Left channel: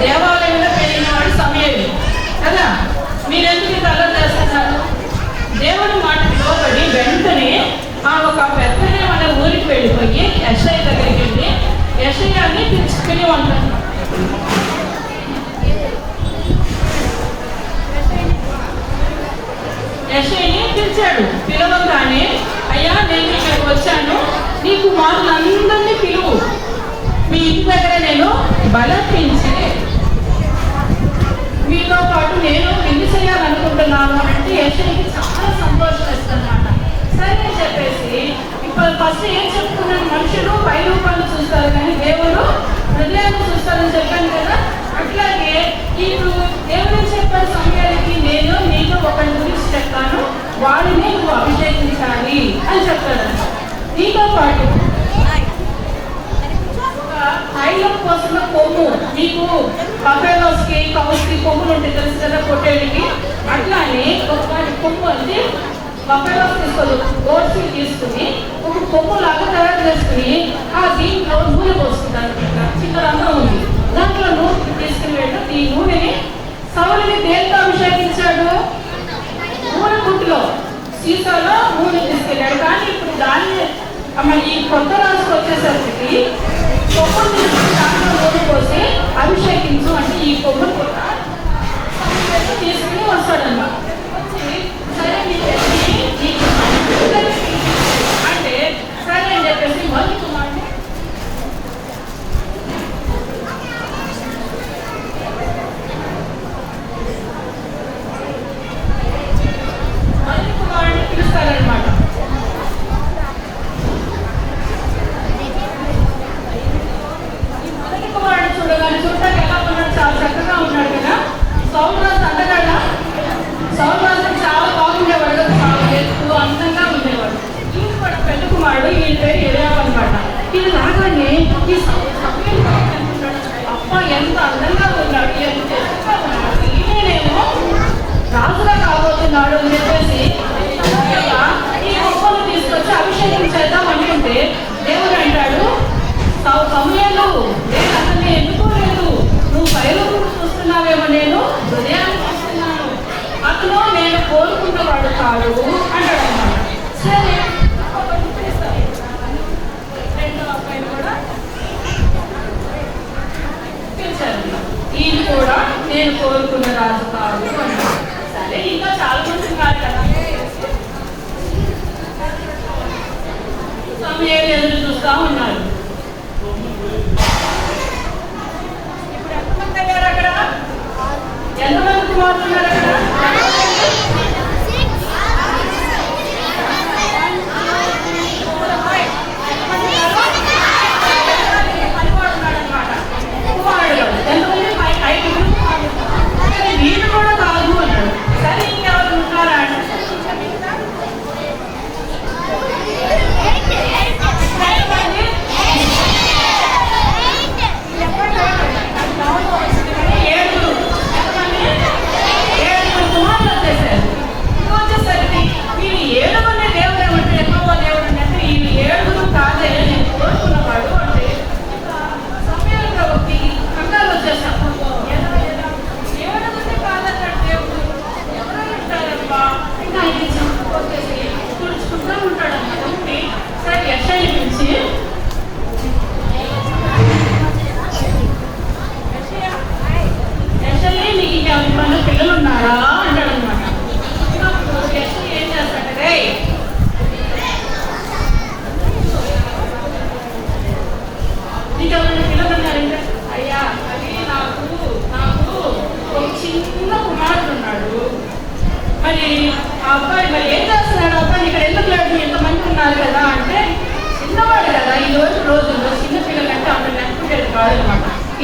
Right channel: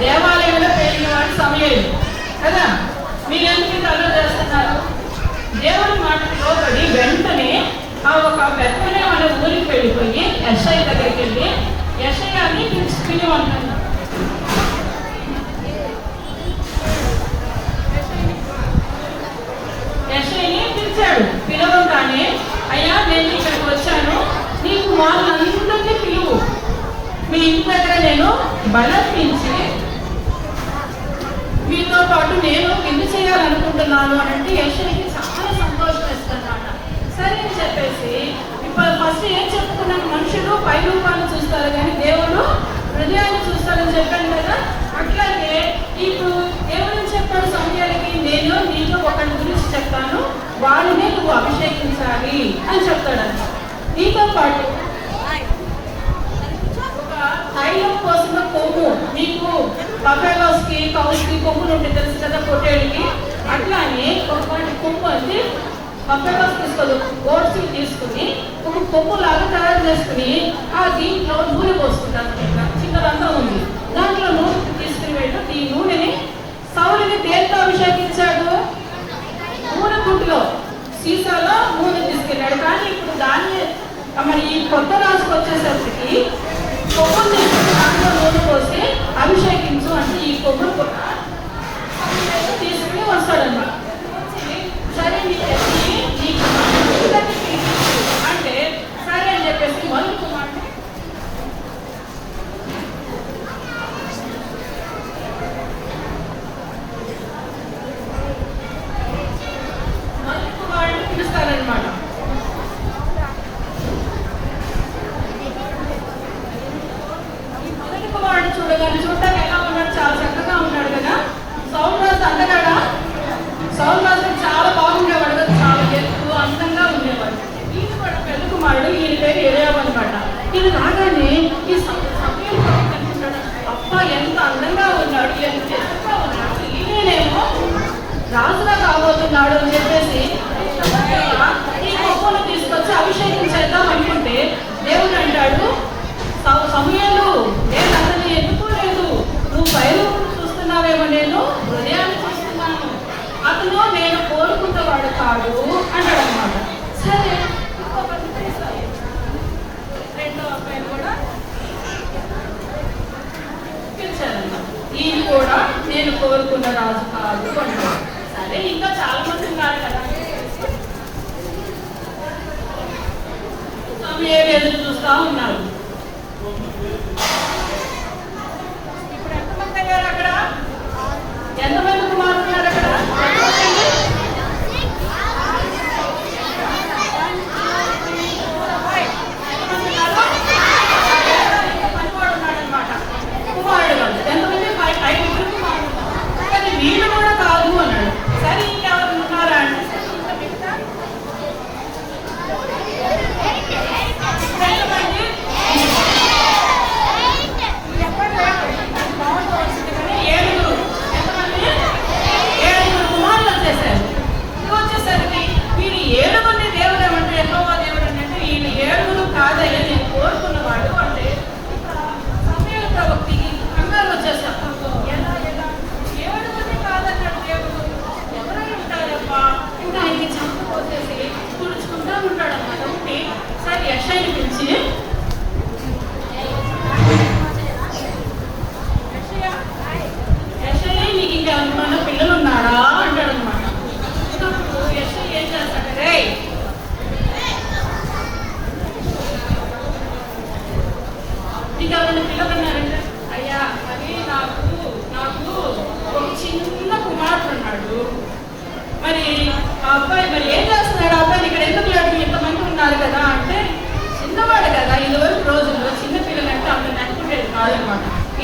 దేవాలయంలో పెరిగిన వాడు సమయలు కదా. మీరెందుకు ఇంత అల్లరి చేస్తున్నారు? దేవుని మాటకు లోబడి వెంటనే ఆ ఒక పెద్దనే వాళ్ళ ఊరికి వెళ్ళిపోయి యెషయా దగ్గరికి వెళ్ళి యెషయాని పిలుచుకుని ఉంటారు. యెషయాని పిలిచాడు. పిలవగానే అయ్యా నేను ఇక్కడికి వచ్చాను, నీ కుమారులందరినీ పిలువు, మీ ఇంటి దగ్గర నేను బలర్పించి మీతో పాటు నేను విందు వెళ్తున్నాను అని అంటే యెషయాకి చాలా సంతోషం వేస్తుందన్నమాట. సరే అని చెప్పేసి ఇప్పుడు ఫస్ట్ ఏం చెప్పుకున్నాను, మనుషులు పై రూపాలు చూస్తారు కానీ దేవుడు హృదయాన్ని చూస్తారని చెప్పాను కదా. అట్లాగే ఇప్పుడు దేవుడు చెప్పాడు సమయానికి, నేను నీకు ఒకరి గురించి చెప్తాను, వాడిని నువ్వు అభిషేకించాలి అని చెప్తాడు. నీతో పాటు తైలం కోసం కొమ్ము, మీకు బఫెలోస్కి కౌస్కి కొమ్ములు ఉంటాయి తెలుసు కదా, పొట్టేళ్ళకి. అట్లానే కొమ్ము అంటే బఫెలోస్ తీసుకోదు, ఓట్స్కి తీసుకుని ఒక కొమ్ము లాగా తయారు చేసుకుని ఆ దీంట్లో నూనె పోసుకుంటారు. చిన్నదంతా ఉంది, దాంట్లో నూనె తీసుకుని వెళ్ళి ఈ నూనెని సౌలుని దేంతో అభిషేకించాడు? నూనె గుంటిలో సీసాలో నూనె తీసుకెళ్ళాడు. కానీ ఇప్పుడు దాన్ని ఈ కొత్త రాజుకు వచ్చేసరికి కొమ్ముని దాంట్లో నూనె పోసి అభిషేకించు అంటే ఈ కొమ్ము కూడా తీసుకుని వస్తాడన్న. సరే అంటే సరే అని చెప్పేసి మొదటి కుమారుడు పిలుస్తారనమాట. ఈ మొదటి కుమారుడు చూడగానే చూడటానికి ఎలా ఉన్నాడు? చాలా చక్కగా ఉన్నాడు కదా. సౌలు రాజు అందగాడా? సౌలు రాజు చాలా బాగుండేవాడు కదా, చాలా ఎత్తు అందంగా ఉండేవాడు. ఈయన కూడా పెళ్లి కుమారుడు, ఈయన పేరు ఎలియాబు అన్నమాట. ఈయన రాగానే ఈ సమయం అనుకుంటాడు, అబ్బా ఎంత అందంగా ఉన్నాడు, ఎంత ఎత్తుగా ఉన్నాడు, ఈయనేమో రాజుగా కాబోతున్నాడు అని చెప్పేసి ఈ మొక్కలు తీసుకొచ్చి అభిషేకం చేద్దాం అనుకుంటే దేవుడు అంటాడు, సమయాలు నేను అతన్ని ఎన్నుకోలేదు, నువ్వు బయలు చూస్తున్నావేమో, నేను హృదయాన్ని చూస్తున్నాను, అతను నేను కోరుకున్నవాడు కాదు అంటాడు అన్నమాట. సరే రెండో అబ్బాయిని కూడా పిలిచారు. ఈయన కూడా నేను కోరుకున్న రాజు కాదు అన్నాడు. సరే ఇంకా చాలా మంది ఉన్నారు కదా, సమయాలు ఎదురు చూస్తా ఉన్నారు. ఇప్పుడు ఎంతమంది అయ్యారు అక్కడ? ఎంతమంది మారుతున్నారు అక్కడ? పనివాడు ఉన్నాడు అనమాట. కుమారుడు ఎంతమంది? 5 కానీ వీళ్ళు కూడా కాదు అన్నాడు. సరే ఇంకెవరు ఉన్నారా అంటే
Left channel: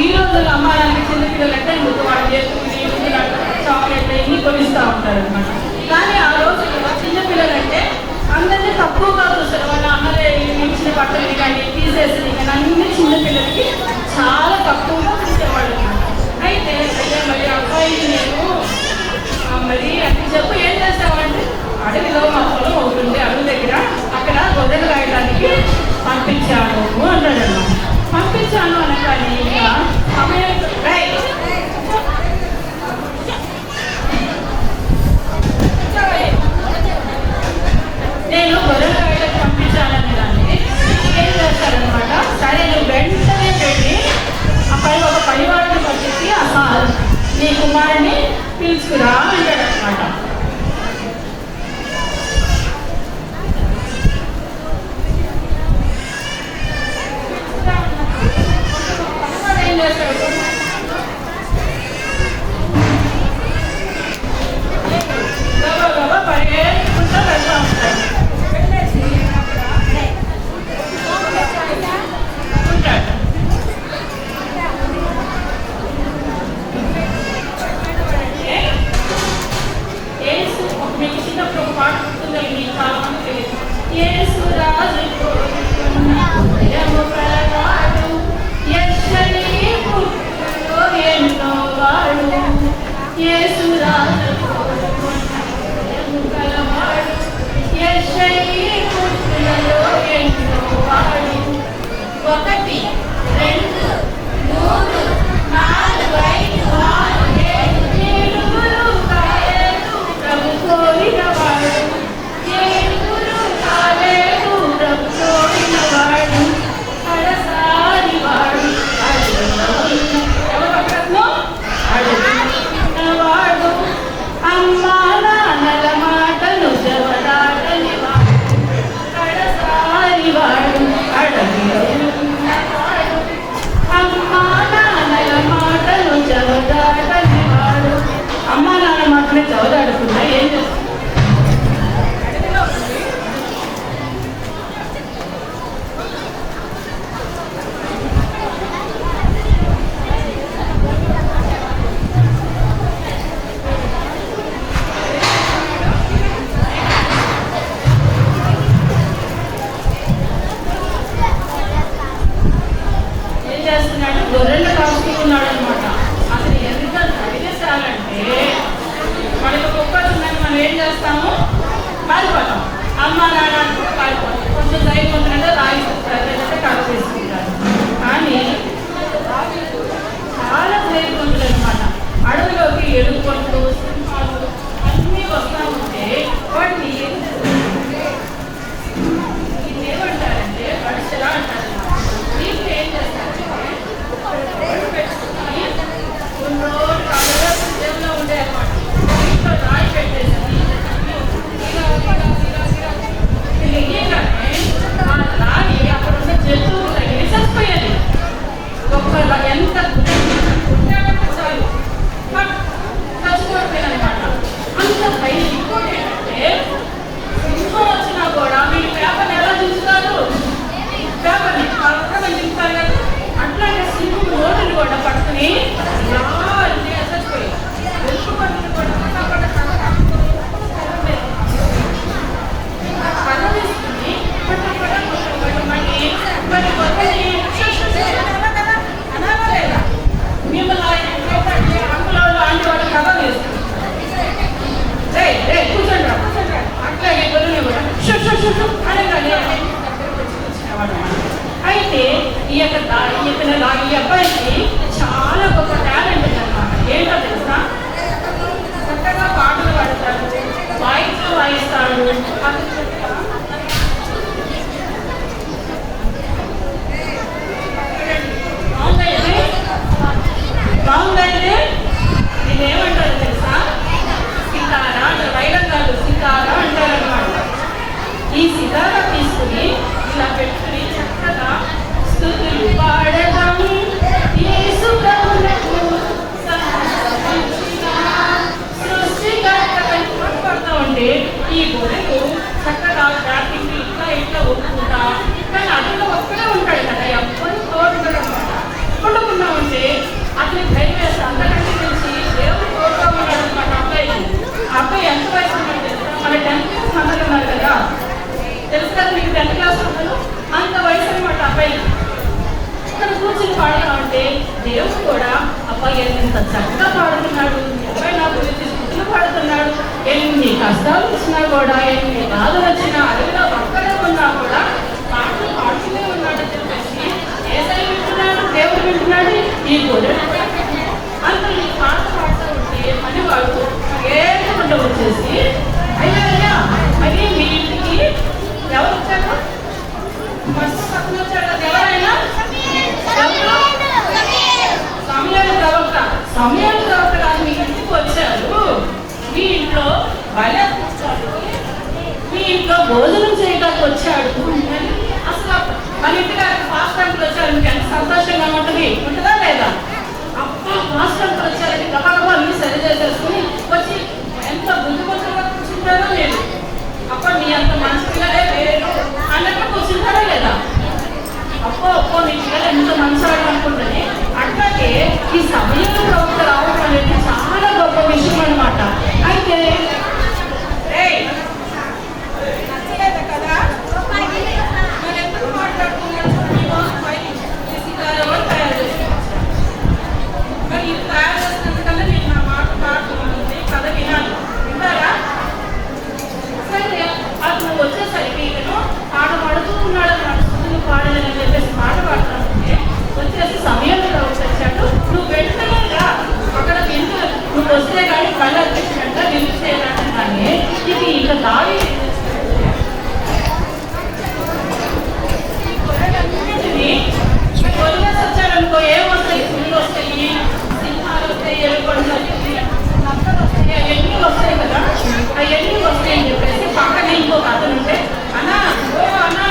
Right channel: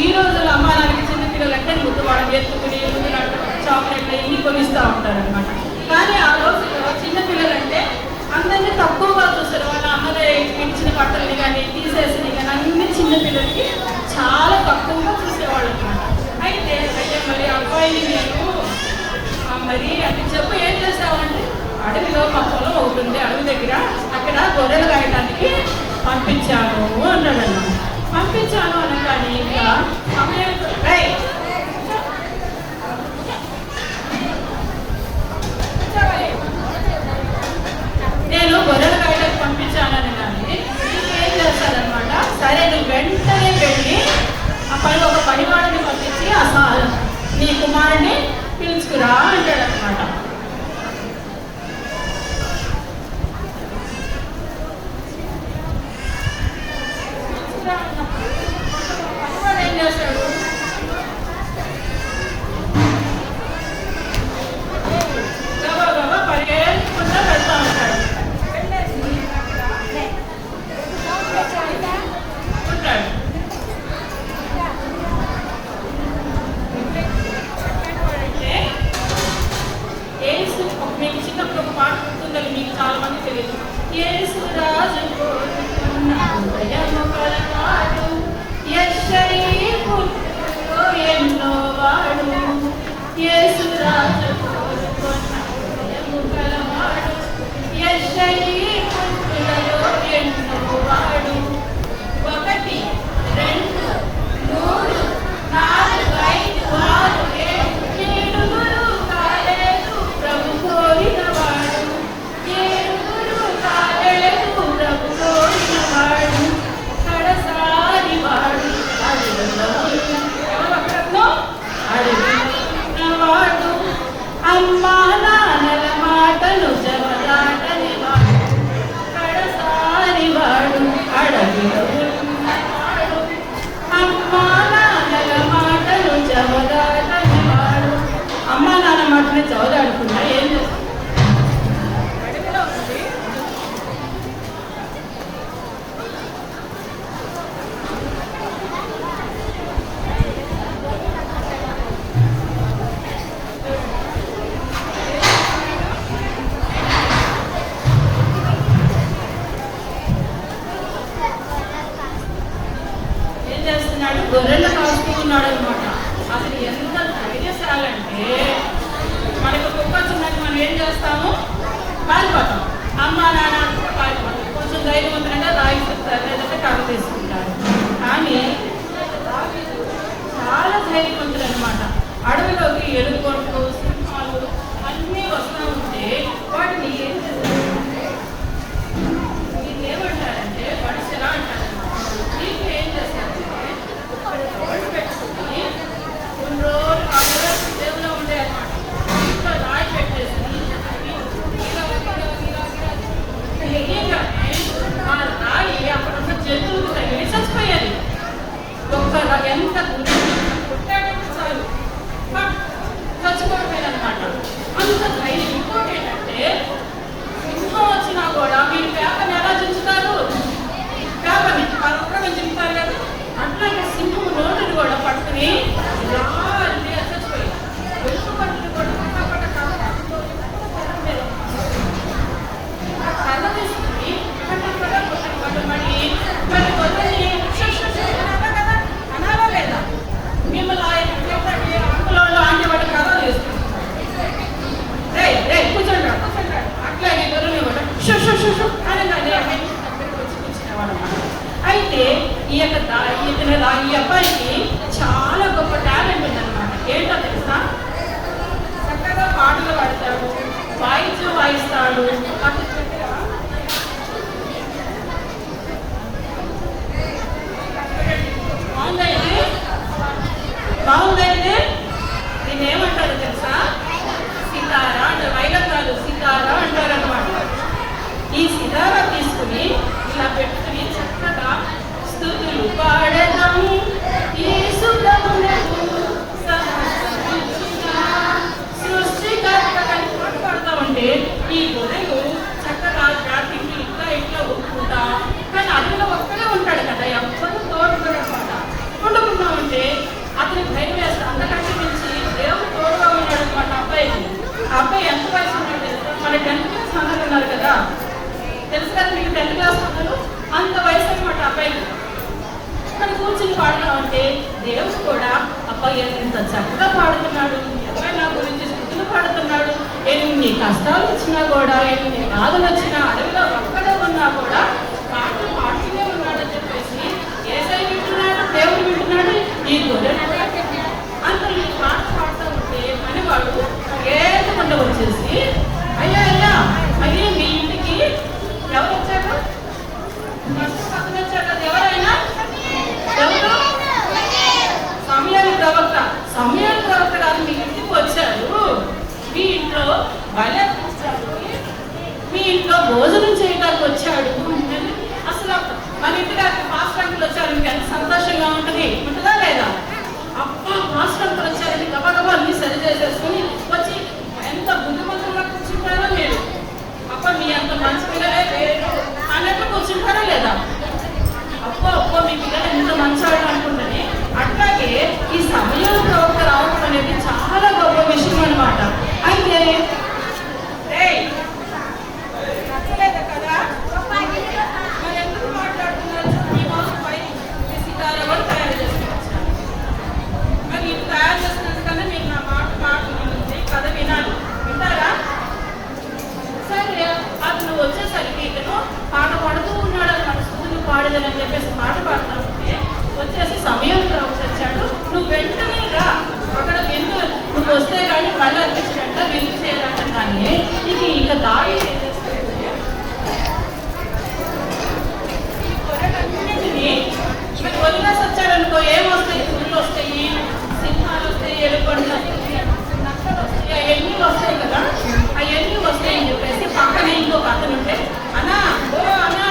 ఈ రోజుల్లో అమ్మాయిలకి చిన్నపిల్లలంటే ఎత్తుకుని చాక్లెట్లు ఇన్ని కొనిస్తూ ఉంటారు అనమాట. కానీ ఆ రోజుల్లో చిన్నపిల్లలంటే అందరినీ తక్కువగా చూస్తారు. వాళ్ళ అమ్మలే ఇచ్చిన బట్టలు కానీ తీసేసి కానీ అన్ని చిన్నపిల్లలకి చాలా తక్కువగా చూసేవాళ్ళు అనమాట. అయితే మరి అబ్బాయి నేను మరి అంటే చెప్పు ఏం చేస్తామంటే అడవిలో మా పొలం అవుతుంది, అడవి దగ్గర అక్కడ గొర్రెలు కాయడానికి పంపించాను అన్నాడు. పంపించాను అనగానే ఇంకా నేను గొర్రెలు కాయడానికి పంపించానని కానీ ఏం చేస్తారనమాట. సరే నువ్వు వెంటనే వెళ్ళి అక్కడ ఒక పనివాడిని పంపించి అసలు నీ కుమారుడిని పిలుచుకురా అంటాడు అనమాట. ఏం చేస్తాడు? యేసు రాజు గలవాడు యెషయి పుట్టులలో ఎన్నో వాడు. 1 2 3 4 5 6 7 ఏడుగురు కాలేదు ప్రభు కోరినవాడు. ఏడుగురు కాలేదు ప్రభు కోరినవాడు. కడసారి వాడు అడుగులో అడుగువాడు. అమ్మా నాన్నల మాటలు జవదాటని వాడు. కడసారి వాడు అడవిలో ఉన్నవాడు. అమ్మా నాన్నల మాటలు జవదాటని వాడు. అమ్మా నాన్న మాటలు జవదాడుతున్నా ఏం చేస్తుంది? అడవిలో ఉంది. ఏం చేస్తున్నాడు? గొర్రెలు కాసుకున్నాడు అనమాట. అసలు ఎంత ధైర్యశాలంటే మనకి కుక్క వచ్చిందని మనం ఏం చేస్తాము? పారిపోతాం. అమ్మ నాన్న అంటే పారిపోతాం. కొంచెం ధైర్యం ఉందంటే రాయి చెప్తారు, లేదంటే కాపు తీసుకుంటారు. కానీ దావీదు చాలా ధైర్యవంతుడు అనమాట. అడవిలోకి ఎలుకలు, సింహాలు అన్నీ వస్తూ ఉంటే వాటిని ఏం చేస్తారంటే ఇది ఏమంటారంటే పడిసెలా అంటారు. దీనికి ఏం చేస్తారంటే రోడ్డు పెట్టుకుని కొన్ని రోజులు కాళ్ళలో దేవులో ఉండే అనమాట. ఇంట్లో రాయి పెట్టేసి వెయ్యగానే ఆ రాయి అక్కడ ఉన్న జంతువులు తగిలి చచ్చిపోయాలి. ఎంత కుట్టాడంటే చాలు చచ్చిపోయిపోయానమాట. అంత ధైర్యం. ఇంకోటి ఏంటంటే సింహం వచ్చినా కూడా మీరు పేపర్ని ఎలా చించుతారు? పేపర్ని పక్కన చింపుతారు కదా. అట్లాగే సింహం నోటిని కూడా పట్టుకుని లాంటిగా చచ్చిపోయాయి. వెలుపు పట్టుకుని కూడా కర్ర వేసుకుని మళ్ళీ కొద్దిగా కదా అనాలా లేదా? మిమ్మల్ని అంకులో లాంటి వాడు కర్ర వేసుకుంటారు. కూర్చోండి అట్లాగే గొర్రెలు కూడా అనగానే దగ్గరకు వచ్చినవాడు. అయితే ఈ అబ్బాయికి చాలా గొప్ప టాలెంట్ ఉందన్నమాట. ఏంటో తెలుసా? చక్కగా పాటలు పాడతాడు, వాయిస్తాడు. బాగుందైతే నేను ఏమంటారు తెలుసా? సితారా అంటారు. వైలకాలు సితారా అంటారు అనమాట. ఈ సితారా తీసుకుని ఇలా పెట్టుకుని చక్కగా స్తుతులు పాడడం యేసు ప్రభువునకు సమర్పించిన సృష్టికర్త అని పాట పాడుతూ ఉంటే ఈ గొర్రెలు చక్కగా బ్యాటింగ్ ఇట్లా ఒప్పుకుంటా. కానీ అడిగిన ఒక్కడే ఉంటాడు కదా, ఎవ్వరు తోడుంటారు అనమాట. వండుకుంటా ఉంటే అతని ధైర్యం వేస్తే అందరికంటే నుంచి దేవుడు తోడుగా ఉన్నాడు అనమాట. అబ్బాయి ఎంత వయసు ఉన్నాడు? మన 10th క్లాస్ అందరూ ఉన్నారు కదా, తెలుసు కదా మీకు 10th క్లాస్ అందరూ అంత వయసు అనమాట అబ్బాయిలు. ఇక్కడ కూర్చుని పాడుతూ ఉంటే దేవుడు కూడా అబ్బాయి ఎంత చక్కగా పాడుతున్నాడు, అబ్బాయి నా గురించి స్థుతులు పాడుతున్నాడు. ఎన్ని కష్టాలు వచ్చినా కూడా, ఎన్ని బాధలు వచ్చినా, అడవిలో ఒక్కడే ఉన్నా కూడా పాటలు పాడుతూనే ఉన్నాడని చెప్పేసి ఏసై వింటున్నాడు, దేవుడు వింటున్నాడు, ఈ గొర్రెలు కూడా అంత ఈ పాట పాడుతూ ఉంటే పనివాడు ఏడుకుంటూ వచ్చేసి అయ్యా మరి మీ ఇంటికి ఎవరు వచ్చారు? మస్తు పక్కన వచ్చాడు కదా. ఎవరైనా ఎవరు? సమయాల ప్రవక్త కాదు, మీ ఇంటికి వచ్చారు. మీ ఇంట్లో బలర్పించాడు, మీ ఇంట్లో భోజనం చేయడానికి వచ్చాడు. అసలు మన ఇంటికి ఫాస్ట్ కంట్రీలు వచ్చారు, మీకు ఎంత సంతోషంగా ఉంటుంది, ఉంటుందా లేదా? అబ్బా ఫాస్ట్ కంట్రీ వచ్చారండి, గబగబా అన్ని సరి చేసేసుకుని వచ్చి ఎంత బుద్ధిమంతులుగా కూర్చొని కానీ బలి అర్పించినట్ట రిలీజ్ చేయాలంటే ఇది ఇక దావీదు ఏం చేస్తాడంటే ఈ గొర్రెలన్నిటినీ గొర్రెలు వచ్చారనుకో ఏమొస్తాయి? పుల్లు వస్తాయి, సింహాలు వస్తాయి, ఎలుకలు వస్తాయి, నక్కలు వస్తాయి, ఎన్ని వస్తాయి కదా. ఆ ఎన్ని వస్తాయని చెప్పేసి పక్కనే ఇంకొక అతను ఉంటే అన్నా ఓ అన్నా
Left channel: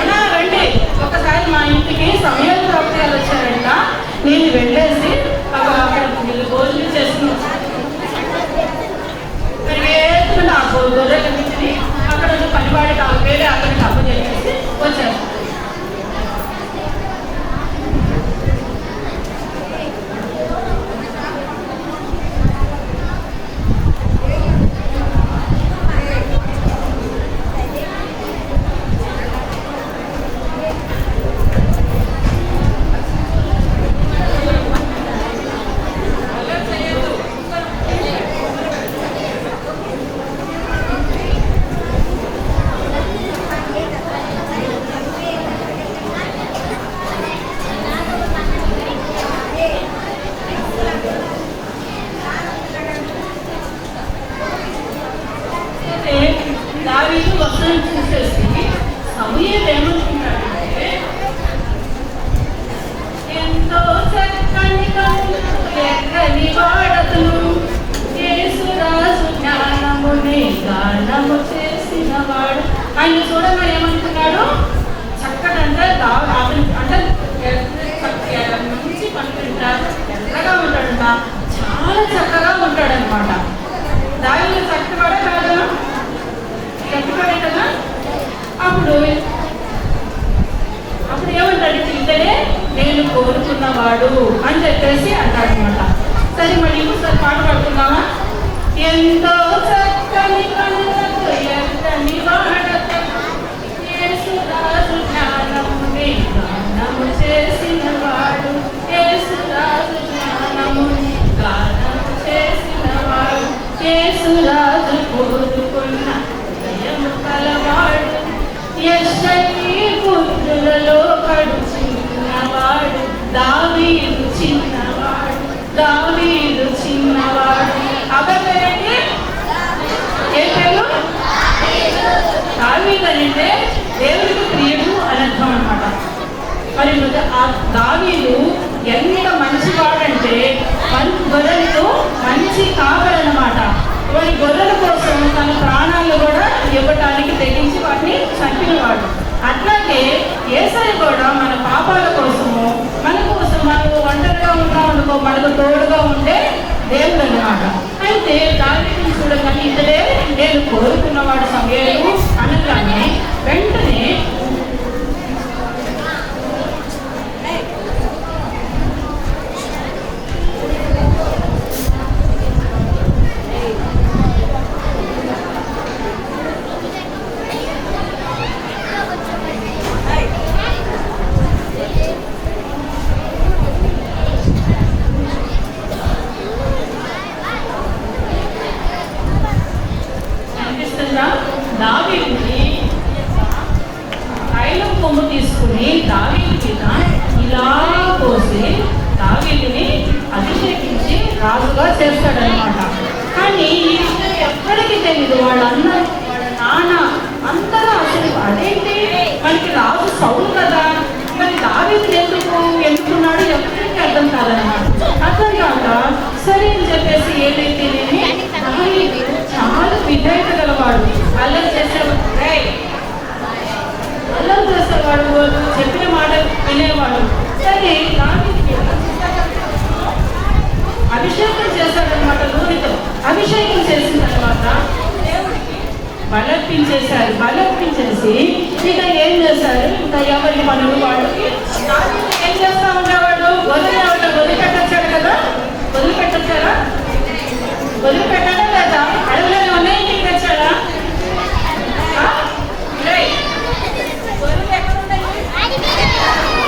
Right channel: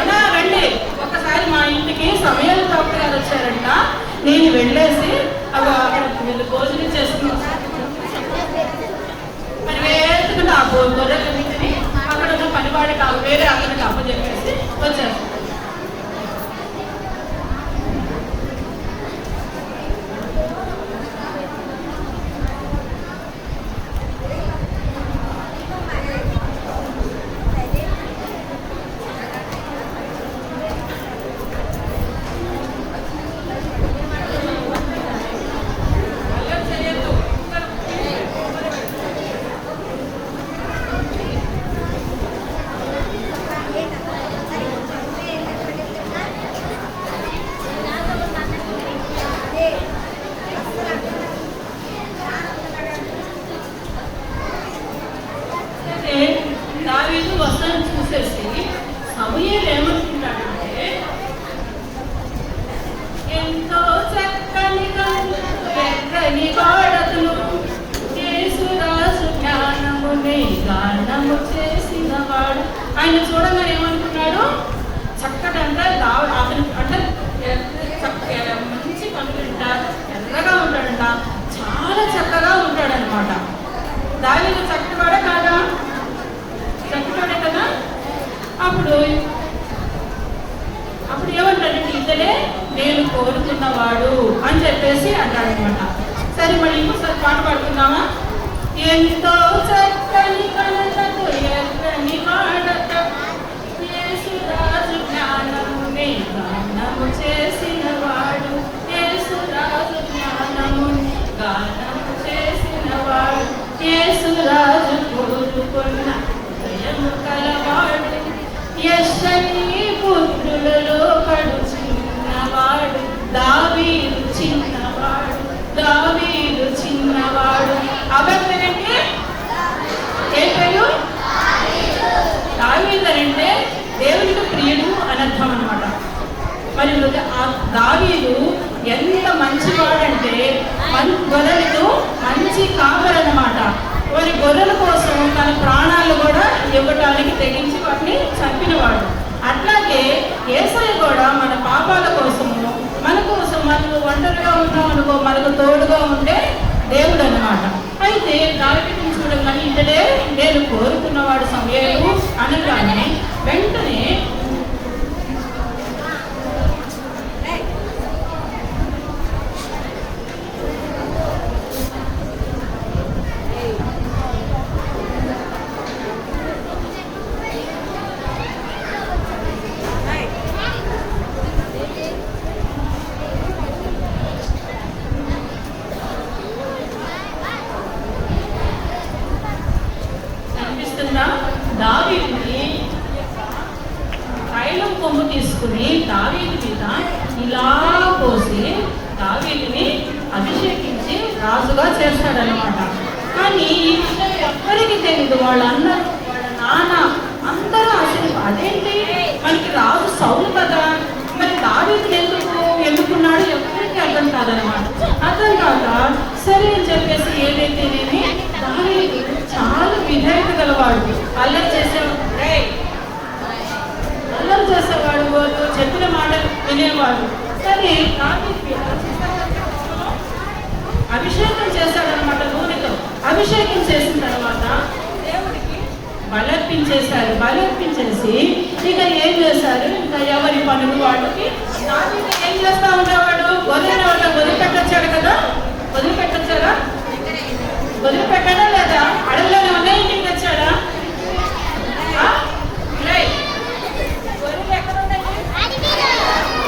అన్నా రండి ఒకసారి మా ఇంటికి సమయాలు ప్రవక్తలు వచ్చారంట, నేను వెళ్ళేసి అక్కడ వీళ్ళు భోజనం చేస్తున్నాను నా గొర్రెలన్నింటినీ అక్కడ ఉన్న పనివాడికి వేరే అతనికి అప్పు చేసేసి వచ్చారు. దావీదు వస్త్రం చూసేసి సమూయేలు ఏమనుకున్నాడంటే ఎంతో చక్కని ఎక్కని వాడతను యేసురాజు జ్ఞానముని గానము చేసిన వాడు. ఆయన చూడగా ఏమంటున్నాడు? చక్కటంటే అతను అంటే మంచి పనుకుంటారు, ఎర్రగా ఉంటాడంట, చాలా చక్కగా ఉంటాడనమాట. దావీదు చక్కగా కాదా? చక్కగా కదా. అప్పుడు ఏమంటాడు? ఇతడే నేను కోరుకున్నవాడు అని చెప్పేసి అంటాడనమాట. సరే మళ్ళీ ఇంకోసారి పాట పాడుకుందామా? ఎంతో చక్కని పనులకు ఎర్రని వాడతను యేసురాజు జ్ఞానముని గానము చేసిన వాడు, యేసురాజు జ్ఞానముని గానము చేసిన వాడు, యేసురాజు కోరుకున్న హృదయము కలవాడు, యెష్షయి పుత్రులలో కడు చిన్నవాడు, దావీదు చిన్నవాడు, దావీదు చిన్నవాడు. అబ్బాయి ఏ పేరు? దావీదు అంటే దేవునికి ప్రియుడు అని అర్థం అనమాట. మరి ఆ దావీదు ఎంత మంచివాడంటే గొర్రెలకు మంచి కాపరనమాట. మరి గొర్రెల కోసం తన ప్రాణాలు కూడా ఇవ్వటానికి తెగించి వాటిని చంపినవాడు. అట్లాగే యేసయ్య కూడా మన పాపాల కోసము మన కోసం మనకు ఒంటరిగా ఉన్నామనుకో మనకు తోడుగా ఉండే దేవుడు అనమాట. అయితే దావీదుని చూడగానే ఇతడే నేను కోరుకున్నవాడు సమూయేలు అనగానే వెంటనే దావీదుని తైలం కొమ్ము తీసుకుని దావీదు మీద ఇలా పోసి దావీదుని అభిషేకించి రాజుగా చేస్తాడనమాట. కానీ ఈ విషయం ఎవ్వరికి తెలియదు. వాళ్ళందరూ వాళ్ళ నాన్న అందరూ అసలు అదేంటి మనకి రాజు సౌలు కదా, మరి దావీదుని ఎందుకున్నాడు ఎవరికి అర్థం కాదనమాట. అర్థం కాక సరే అని చెప్పేసి ఏదైతే దావీదు చాలా విధేయత గలవాడు, అల్లరి చేసేవాడు, చెప్పిన మాట వినేవాడు. కానీ అభిషేకం చేశాడనమాట. నూనెతో అభిషేకం చేసిన తర్వాత దేవుడికి బలర్పించేశారు. బలర్పించేసి ఇక ఏం చేశారు? ఇంకా ఎవరి పనులు వాళ్ళకి. ఏం చేస్తా ఉండేవాడు? వదిలిపెట్టొచ్చాడు కదా. వదిలిపెట్టొచ్చారా? వదిలిపెట్టాడా లేదా? అడగలేని ఉన్నాయి ఇంటికి తెచ్చాడా?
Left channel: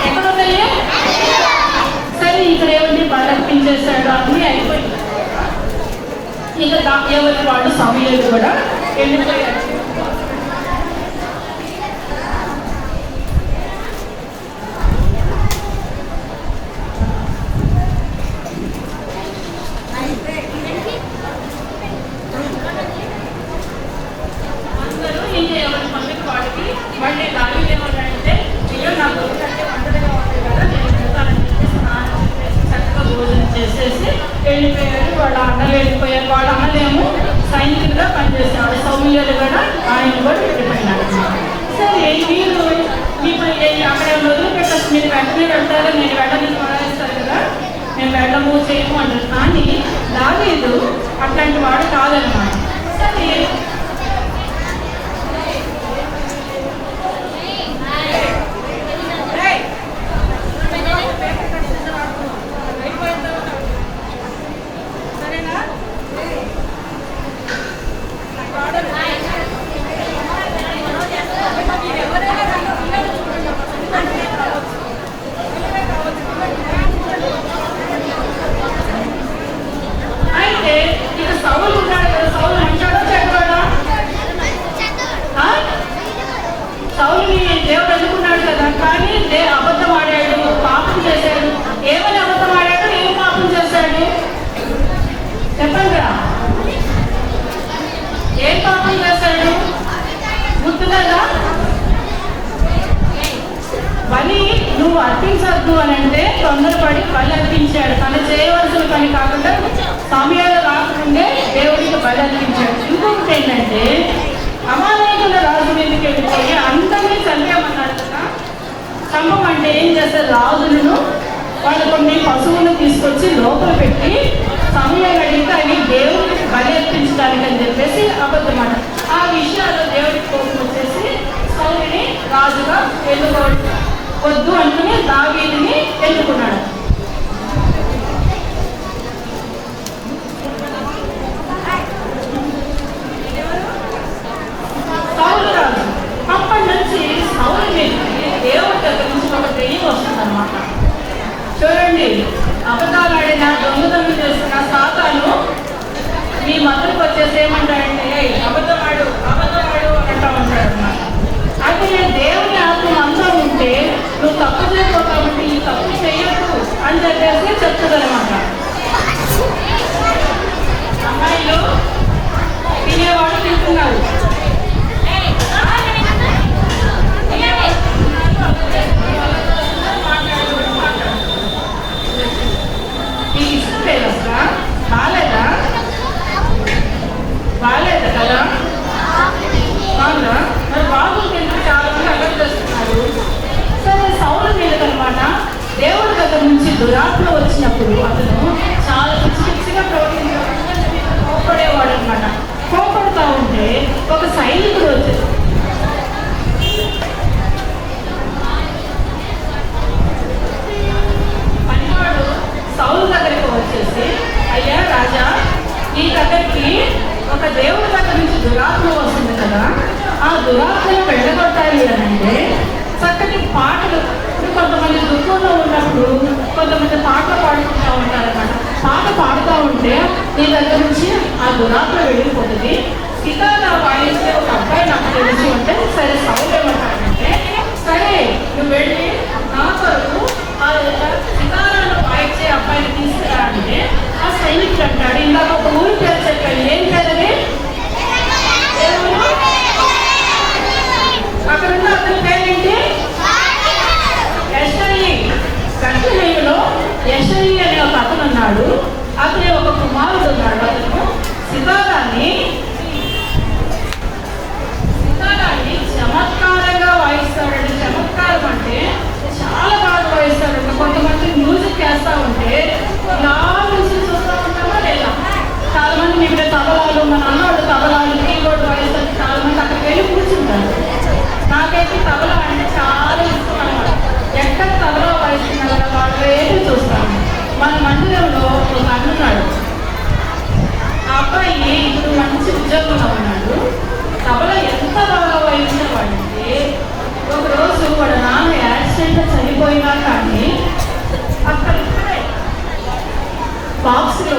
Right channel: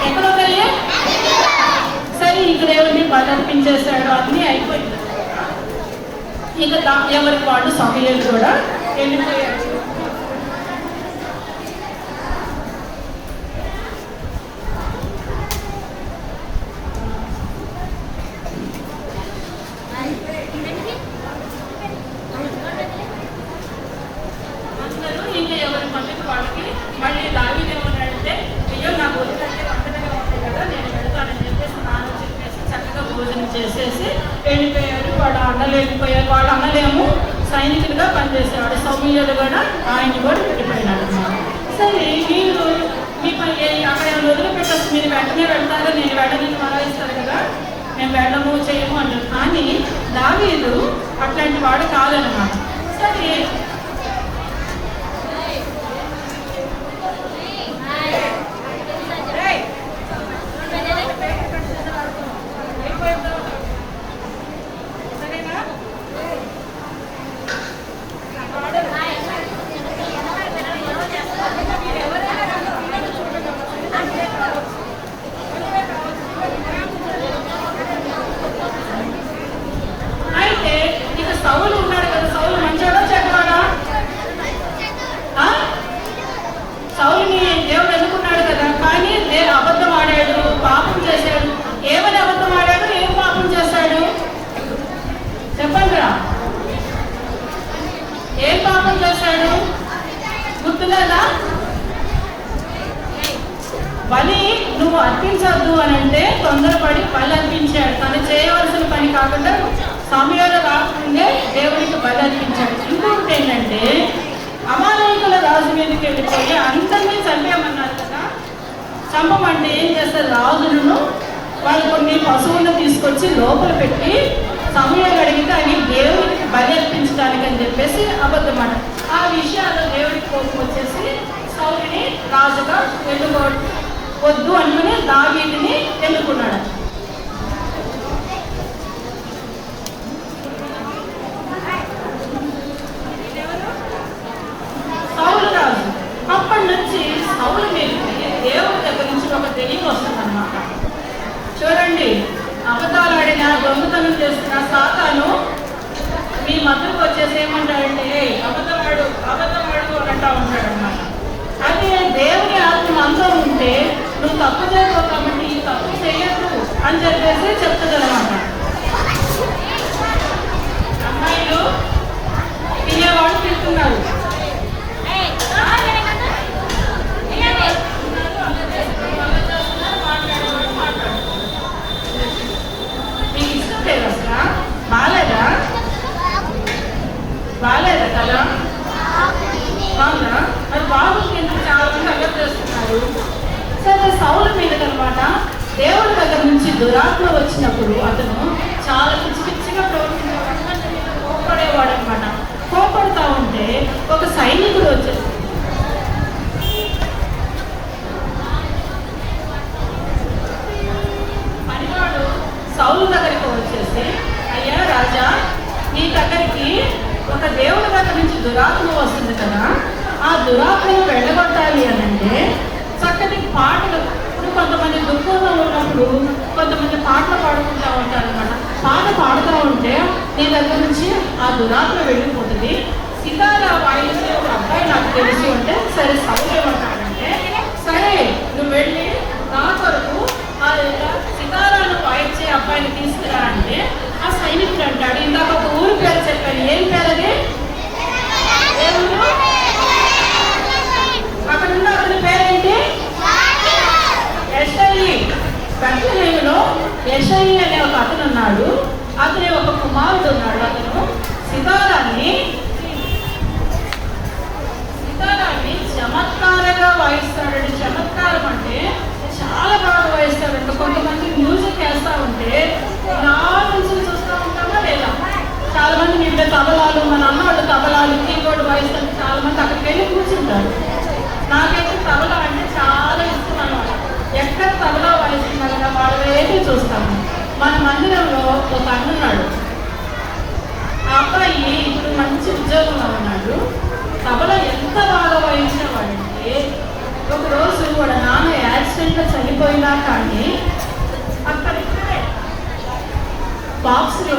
ఎక్కడున్నాయి? సరే ఇక్కడ ఎవరిని బలర్పించేశాడు అన్నీ అయిపోయింది. ఇక ఎవరి వాళ్ళు సమూయేలు కూడా వెళ్ళిపోయారు. ఆయన కూడా వెళ్ళిపోయినాడు. సరే మీరు అక్కడ వదిలిపెట్టచ్చు, మీరు వెంటనే వెళ్తారా, నేను వెళ్ళని మానేస్తారు కదా, మేము వెళ్ళము చేయము అంటారు. కానీ దావీదు అట్లాంటి వాడు కాదన్నమాట. సరే అర్పించద్దు అని అంటే తొందరపడి బలి అర్పించాడు. తను చేయవలసిన పని కాకుండా సమయాలు రాకముందే దేవుడికి బలి అర్పించాడు. ఇంకొకటి ఏంటంటే అమాలేకుల రాజు మీదకి వెళ్ళిపోయి అందరినీ చంపేమన్నాడు కదా. చంపమంటే ఏం చేస్తారు, రాజులను వాళ్ళు కొన్ని పశువులను తీసుకొచ్చి లోపల పెట్టి సమయం అడిగితే అని దేవుడికి బలి అర్పించడానికి అని చెప్పేసి అబద్ధమాట. ఆ విషయాల్లో దేవుడికి కోపం వచ్చేసి సౌలుని రాజుగా వద్దు అనుకుని దావీదుని ఎన్నుకున్నాడు. సౌలు రాజు అప్పటి నుంచి సౌలు మీదకి దేవుడి దగ్గర నుంచి ఒక దెయ్యం వస్తుందన్నమాట. చూడండి, అబద్ధాలు ఆడిన, దొంగతనం చేసిన సాతాను మీ మద్దతుకు వచ్చేసి ఏమంటాడంటే అబద్ధవాడు అబద్ధవాడు అంటా ఉంటాడు అన్నమాట. అది దేవుని ఆత్మ మనలో ఉంటే నువ్వు తప్పు చేయవు కాబట్టి ఈ తప్పు చేయదు అని చెప్పేసి చెప్తుందన్నమాట. అమ్మాయిలు తినేవాళ్ళు తింటున్నారు, మీకు ఇష్టం లేదు అసలు, బాగాలేదా బాగాలేదా కదా, బాగుందా? మరి బాబుకి ఎందుకు చాలా మంది అమలు చేస్తున్నారు. సరే సౌలు మీదకి అనమాట దేవుడి దగ్గర నుంచి దురాత్మ వచ్చినప్పుడు అతను చాలా పిచ్చి పిచ్చిగా ప్రవర్తించేవాడు, కోపడేవాడు అనమాట. కోపడుతూ ఉంటే ఒక సైనికుడు వచ్చేసి పనివాడు సౌలు దగ్గరికి వచ్చేసి, అయ్యా రాజా, నీ దగ్గరికి ఒక దేవుడి దగ్గర నుంచి దురాత్మ వస్తుంది కదా, ఆ దురాత్మను వెళ్ళగొట్టాలి అని అంటే చక్కటి పాటలు. కొంతమంది దుఃఖంలో ఉన్నప్పుడు కొంతమంది పాటలు పాడుకుంటూ ఉంటారు అన్నమాట. పాట పాడుతూ ఉంటే నీ దగ్గర నుంచి ఆ దురాత్మ వెళ్ళిపోతుంది. సితారా వాయించే ఒక అబ్బాయి నాకు తెలిసి ఉంటే, సరే సౌలు ఏమంటాడంటే, సరే నువ్వు వెళ్ళి నా కొరకు ఆ సితారాను వాయించే అబ్బాయిని తీసుకురా అంటే, ఆ సైనికుడు అంటాడు, ఇందాక ఒక ఊరి పేరు చెప్పాను, ఏం పేరది, అక్కడ ఉన్న అతని పేరేంటి, కర్తనీయులో యెషయి అనే ఒక అతను ఉన్నాడు. అతని ఒక కుమారుడు ఉన్నాడు. అతను సితారాన్ని చమత్కారంగా వాయిస్తాడండి. చమత్కారం అంటే చాలా బాగా వాయిస్తాడండి. కొంతమంది మ్యూజిక్ వేస్తా ఉంటే ఇలా నుంచి చూస్తూ ఉంటామా లేదా, చాలా మంది మీ తబలాలు, మన అన్నవాళ్ళు తబలాలు, కీబోర్డు వాయిస్తారు, చాలా మంది అక్కడికి వెళ్ళి కూర్చుంటారు. నాకైతే తబలా అంటే చాలా ఇష్టం అన్నమాట. ఎక్కడ తబలా వాయిస్తున్నారా వాళ్ళు ఏంటి చూస్తాము. మన మందిరంలో ఒక అన్నున్నాడు, ఆ అబ్బాయి ఇప్పుడు మంచి ఉద్యోగంలో ఉన్నాడు. తబలా ఎంత బాగా వాయించేవాడంటే, ఒకరోజు వాడు నాన్న యాక్సిడెంట్లో చనిపోయినా కానీ అక్కడ బాక్స్లో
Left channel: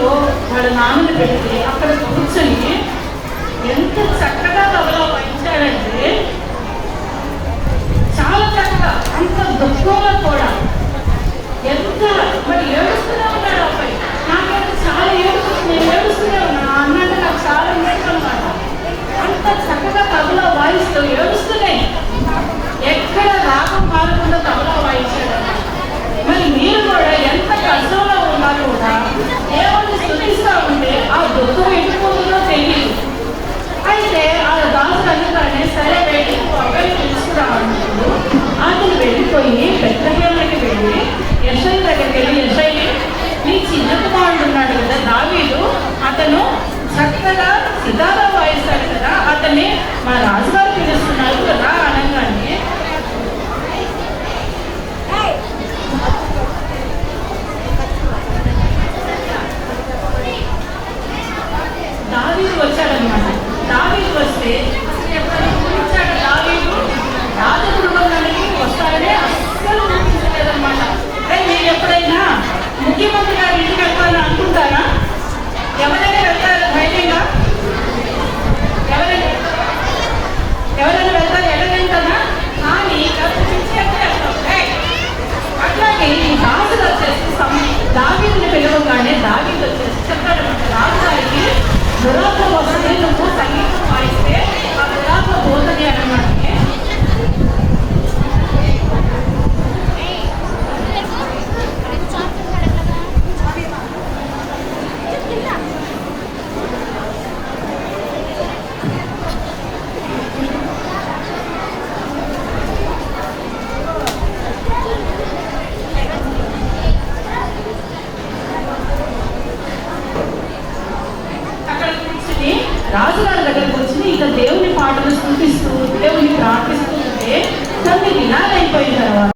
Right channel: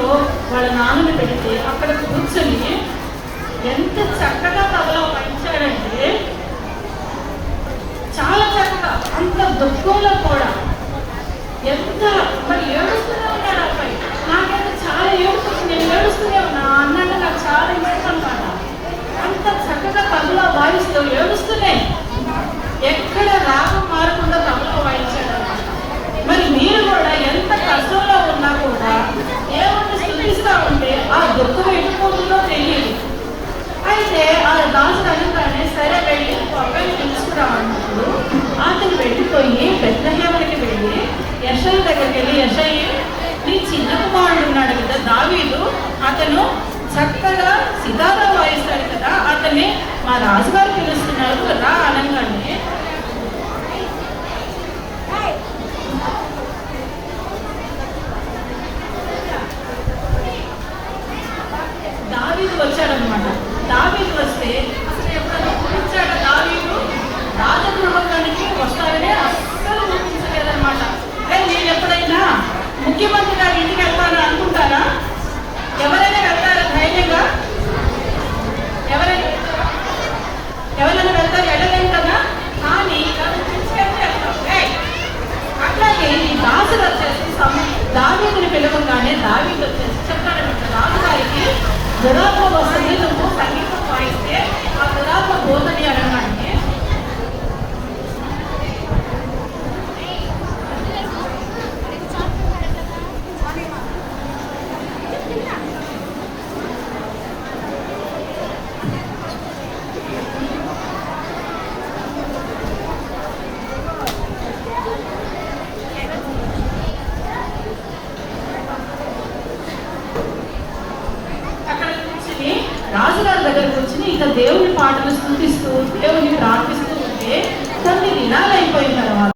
వాళ్ళ నాన్నని పెడితే అక్కడ కూర్చొని ఎంత చక్కగా తబలా వాయించాడంటే, చాలా చక్కగా, అంత దుఃఖంలో కూడా ఎంత మరి ఏడుస్తూనే ఉన్నాడు అబ్బాయి. నాకైతే చాలా ఏడుస్తుంది, నేను ఏడుస్తూనే ఉన్నా, అన్నట్టు నాకు చాలా ఇష్టం అన్నమాట. అంత చక్కగా తబలా వాయిస్తూ ఏడుస్తూనే ఎక్కడ రాగం మారకుండా తబలా వాయించాడు. మరి మీరు కూడా ఎంత కష్టంలో ఉన్నారు కూడా దేవుడిని స్తుతిస్తూ ఉంటే ఆ దుఃఖం ఎట్టుకుంటుందో తెలియదు. అయితే ఆ దాసుడు అడుగుతాడే, దురాత్మ వస్తుంది, కొంచెం సంగీతం వాయిస్తే ఆ దురాత్మ పోతుంది అన్నమాట. అక్కడ కూర్చుని రాజుగారి దగ్గర కూర్చుని ఇక దేవుని పాటలు స్థుతిస్తూ దేవుని ప్రార్థిస్తూ ఉంటే 9 దినాలు అయిపోయిన తర్వాత